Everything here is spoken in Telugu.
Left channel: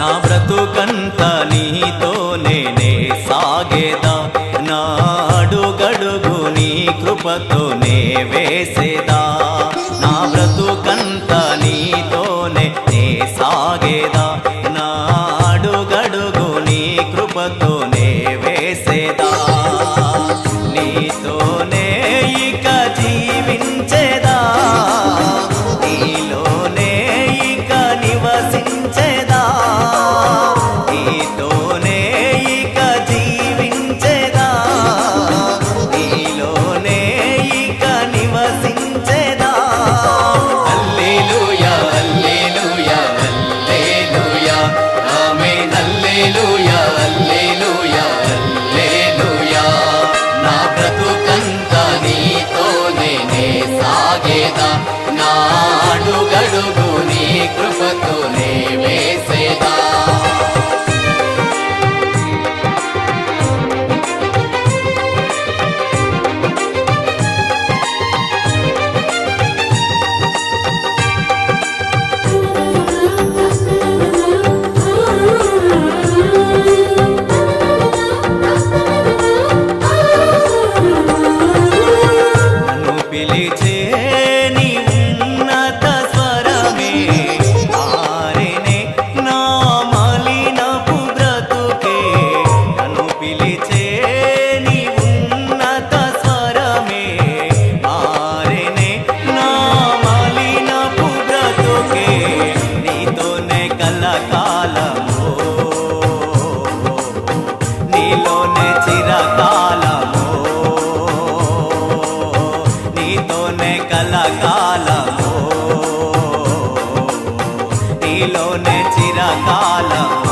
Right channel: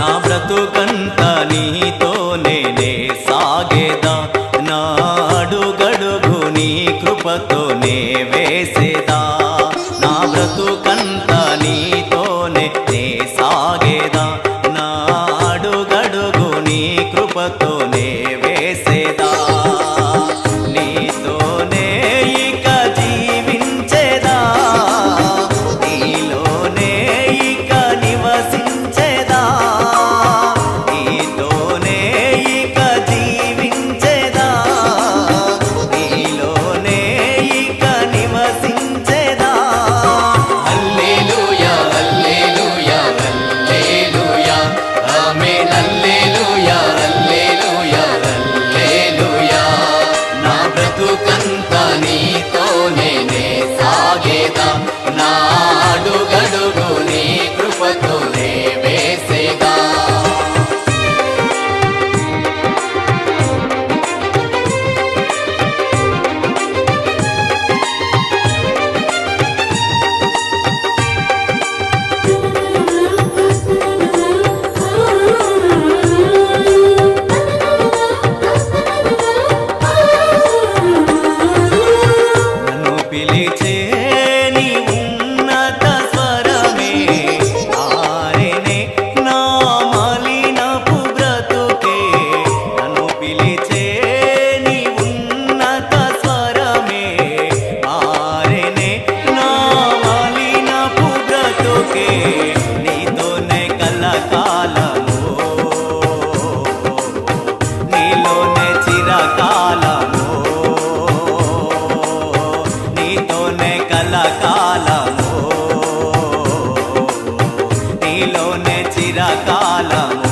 నా బ్రతుకంతా నీతోనే సాగేదా, నా అడుగడుగు నీ కృపతోనే వేసేదా. నా బ్రతుకంతా నీతోనే సాగేదా, నా అడుగడుగు నీ కృపతోనే వేసేదా. నీతోనే ఇక జీవించేదా, నీలోనే ఇక నివసించేదా. నీతోనే ఇక జీవించేదా, నీలోనే ఇక నివసించేదా. హల్లెలూయా హల్లెలూయా హల్లెలూయా ఆమేన్. హల్లెలూయా హల్లెలూయా హల్లెలూయా. నా బ్రతుకంతా నీతోనే సాగేదా, నా అడుగడుగు నీ కృపతోనే వేసేదా. నన్ను పిలిచే నీ ఉన్నత స్వరమే ఆరెనే నా మలినపు బ్రతుకే. నన్ను పిలిచే నీ ఉన్నత స్వరమే ఆరెనే నా మలినపు బ్రతుకే. నీతోనే కలకాలము, నీలోనే చిరకాలము, నీతోనే కలకాలము, నీలోనే చిరకాలము.